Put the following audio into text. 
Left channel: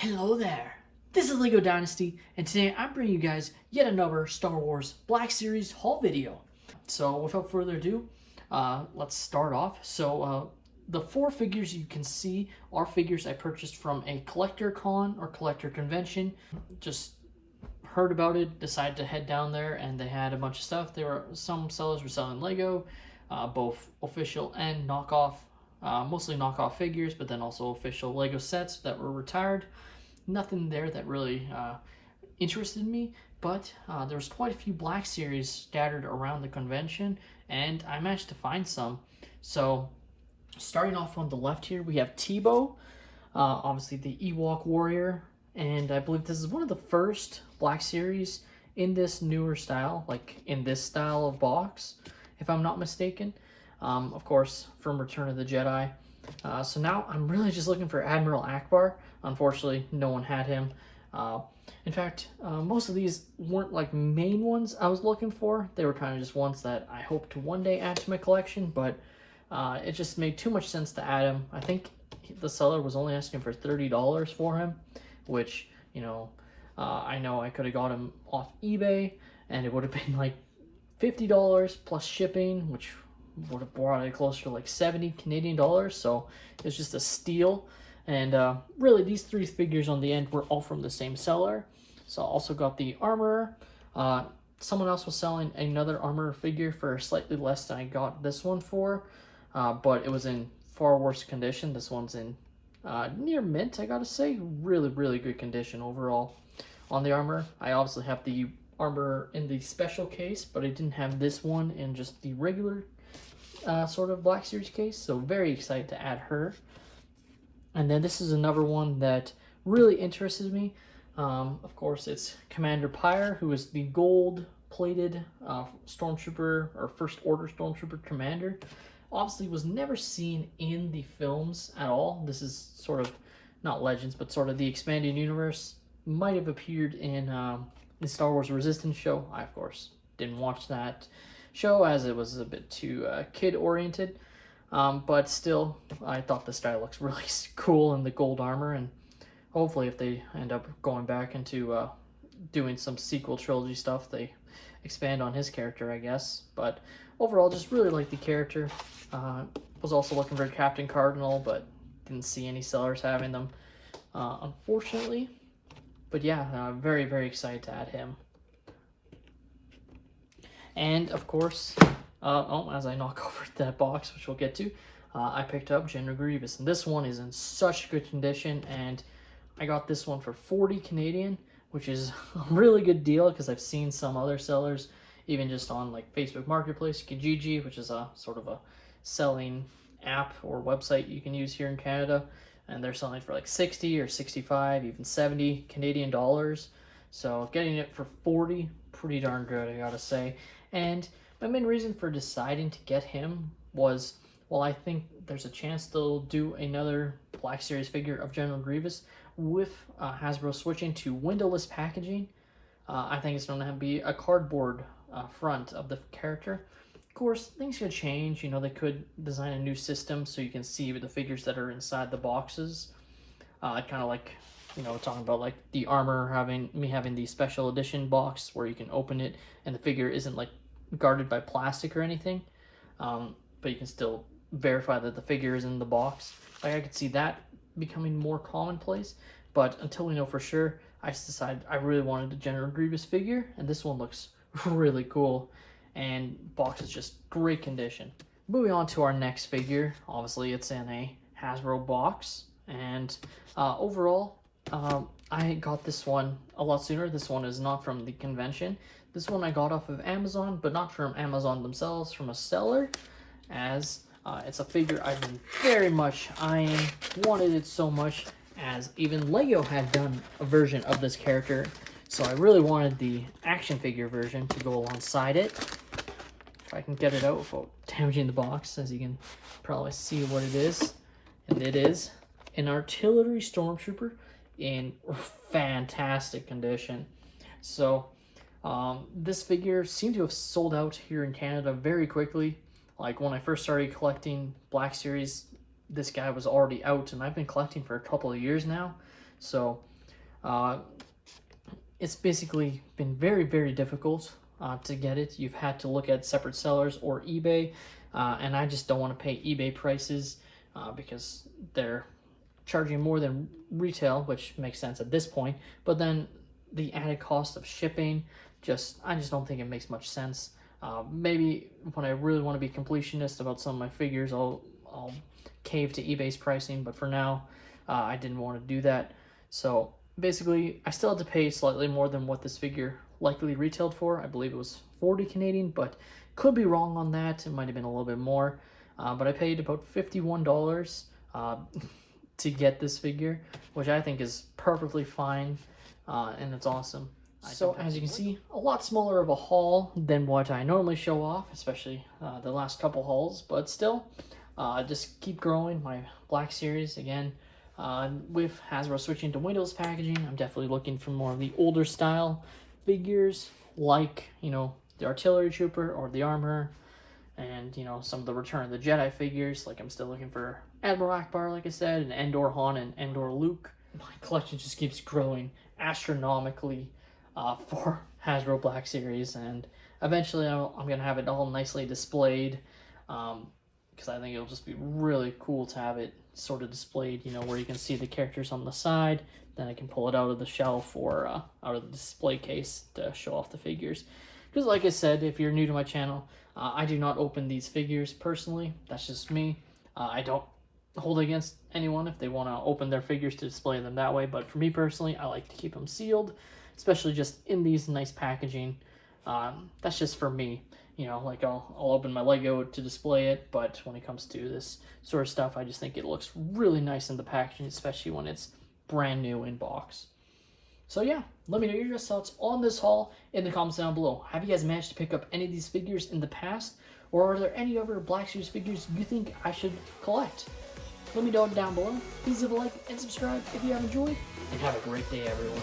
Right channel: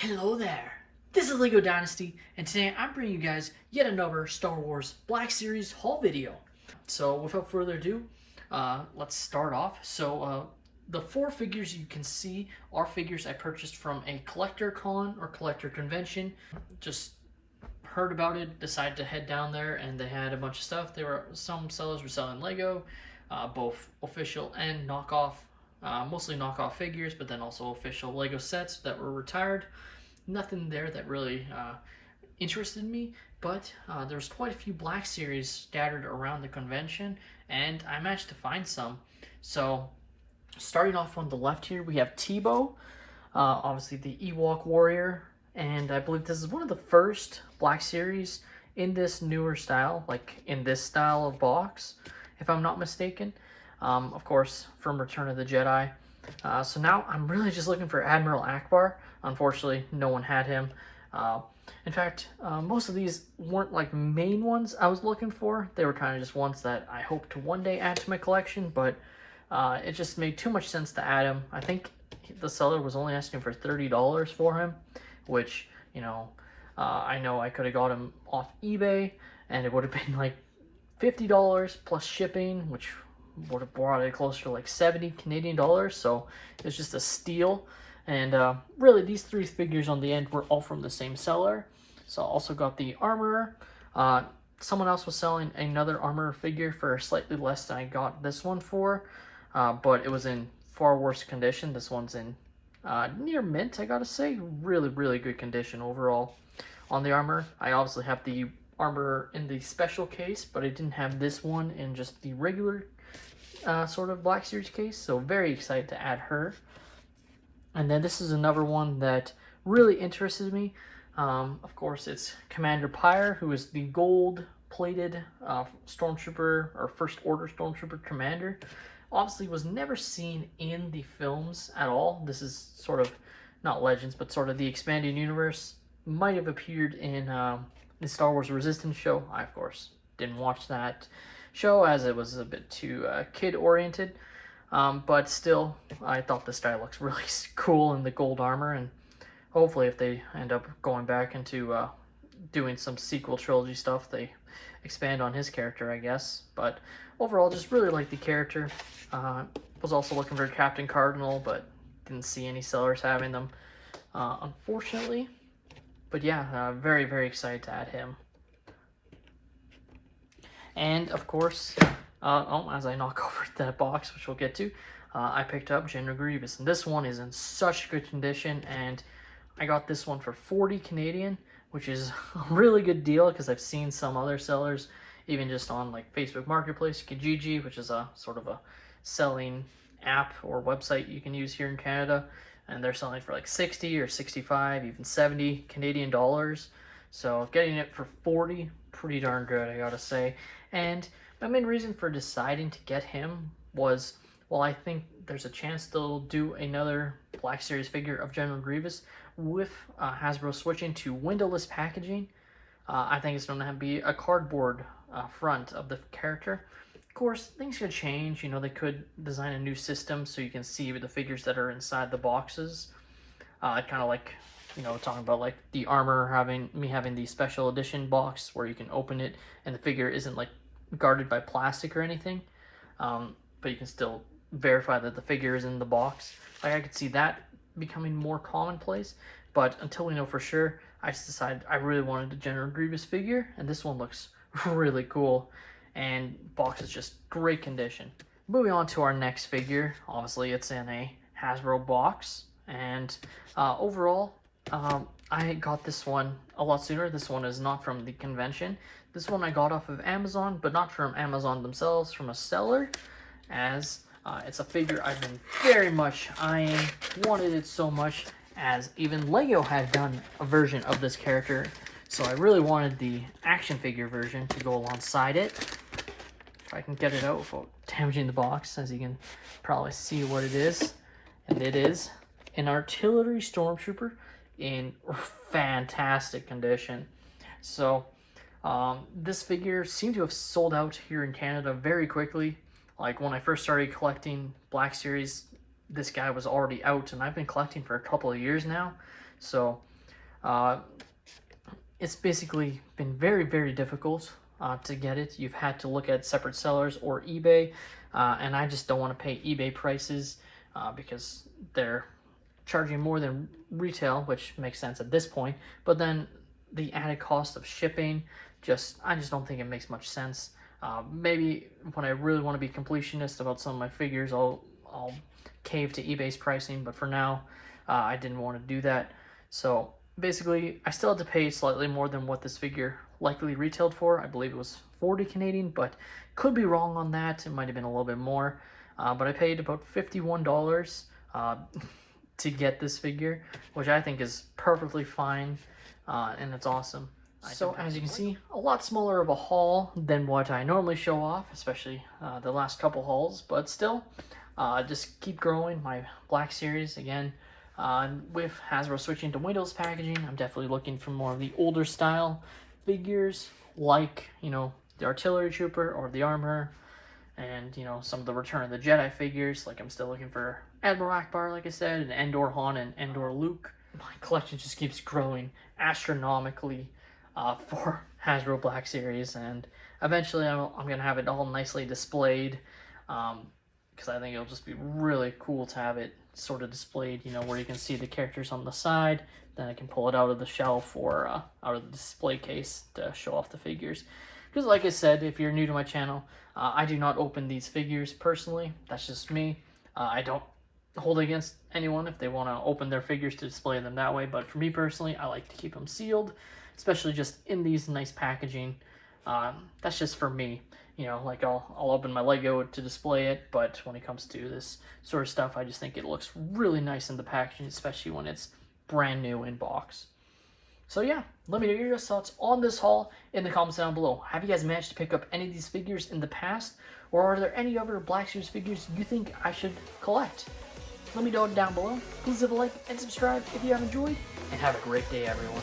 Hello there. This is Lego Dynasty, and today I'm bringing you guys yet another Star Wars Black Series haul video. So without further ado, let's start off. The four figures you can see are figures I purchased from a collector con or collector convention. Just heard about it, decided to head down there, and they had a bunch of stuff. Some sellers were selling Lego, both official and knockoff. Mostly knockoff figures, but then also official Lego sets that were retired. Nothing there that really interested me, but there's quite a few Black Series scattered around the convention, and I managed to find some. So starting off on the left here, we have Tebow, obviously the Ewok warrior, and I believe this is one of the first Black Series in this newer style, like in this style of box, if I'm not mistaken. Of course, from Return of the Jedi. So now I'm really just looking for Admiral Akbar. Unfortunately, no one had him. In fact, most of these weren't like main ones I was looking for. They were kind of just ones that I hope to one day add to my collection, but it just made too much sense to add him. I think the seller was only asking for $30 for him, which, I know I could have got him off eBay, and it would have been like $50 plus shipping, which would have brought it closer to like 70 Canadian dollars. So it's just a steal. And really, these three figures on the end were all from the same seller. So I also got the armor. Someone else was selling another armor figure for slightly less than I got this one for, but it was in far worse condition. This one's in near mint, I gotta say. Really good condition overall on the armor. I obviously have the armor in the special case, but I didn't have this one in just the regular sort of Black Series case, so very excited to add her. And then this is another one that really interested me. Of course, it's Commander Pyre, who is the gold-plated Stormtrooper, or First Order Stormtrooper Commander. Obviously was never seen in the films at all. This is sort of, not Legends, but sort of the expanded universe. Might have appeared in the Star Wars Resistance show. I, of course, didn't watch that show as it was a bit too kid-oriented. But still, I thought this guy looks really cool in the gold armor, and hopefully if they end up going back into doing some sequel trilogy stuff, they expand on his character, I guess. But overall, just really like the character. Was also looking for Captain Cardinal, but didn't see any sellers having them, unfortunately. But yeah, very excited to add him. And of course, as I knock over that box, which we'll get to, I picked up General Grievous, and this one is in such good condition, and I got this one for 40 Canadian, which is a really good deal because I've seen some other sellers, even just on like Facebook Marketplace, Kijiji, which is a sort of a selling app or website you can use here in Canada, and they're selling it for like 60 or 65, even 70 Canadian dollars. So getting it for 40, pretty darn good, I gotta say. And my main reason for deciding to get him was, well, I think there's a chance they'll do another Black Series figure of General Grievous with Hasbro switching to windowless packaging. I think it's going to be a cardboard front of the character. Of course, things could change. They could design a new system so you can see the figures that are inside the boxes. Kind of like, talking about like the armor having the special edition box where you can open it and the figure isn't like guarded by plastic or anything, but you can still verify that the figure is in the box. Like, I could see that becoming more commonplace, but until we know for sure, I just decided I really wanted a General Grievous figure, and this one looks really cool, and box is just great condition. Moving on to our next figure, obviously it's in a Hasbro box, and overall, I got this one a lot sooner. This one is not from the convention. This one I got off of Amazon, but not from Amazon themselves, from a seller, as it's a figure I've been very much eyeing, wanted it so much, as even Lego had done a version of this character, so I really wanted the action figure version to go alongside it. If I can get it out without damaging the box, as you can probably see what it is, and it is an artillery stormtrooper in fantastic condition. So this figure seemed to have sold out here in Canada very quickly. Like, when I first started collecting Black Series, this guy was already out, and I've been collecting for a couple of years now. So Uh, it's basically been very, very difficult to get it. You've had to look at separate sellers or eBay, and I just don't want to pay eBay prices because they're charging more than retail, which makes sense at this point. But then the added cost of shipping, I just don't think it makes much sense. Maybe when I really want to be completionist about some of my figures, I'll cave to eBay's pricing. But for now, I didn't want to do that. So basically, I still had to pay slightly more than what this figure likely retailed for. I believe it was 40 Canadian, but could be wrong on that. It might have been a little bit more. But I paid about $51 to get this figure, which I think is perfectly fine, and it's awesome. So as you can see, a lot smaller of a haul than what I normally show off, especially the last couple hauls, but still, just keep growing my Black Series again. With Hasbro switching to Windows packaging, I'm definitely looking for more of the older style figures, like, you know, the Artillery Trooper or the Armorer, and, you know, some of the Return of the Jedi figures. Like, I'm still looking for Admiral Akbar, like I said, and Endor Han and Endor Luke. My collection just keeps growing astronomically for Hasbro Black Series, and eventually I'm going to have it all nicely displayed, because I think it'll just be really cool to have it sort of displayed, you know, where you can see the characters on the side. Then I can pull it out of the shelf or out of the display case to show off the figures. Because like I said, if you're new to my channel, I do not open these figures personally. That's just me. I don't hold it against anyone if they want to open their figures to display them that way. But for me personally, I like to keep them sealed, especially just in these nice packaging. That's just for me. You know, like I'll open my Lego to display it, but when it comes to this sort of stuff, I just think it looks really nice in the packaging, especially when it's brand new in box. So yeah, let me know your thoughts on this haul in the comments down below. Have you guys managed to pick up any of these figures in the past? Or are there any other Black Series figures you think I should collect? Let me know down below. Please leave a like and subscribe if you have enjoyed. And have a great day, everyone.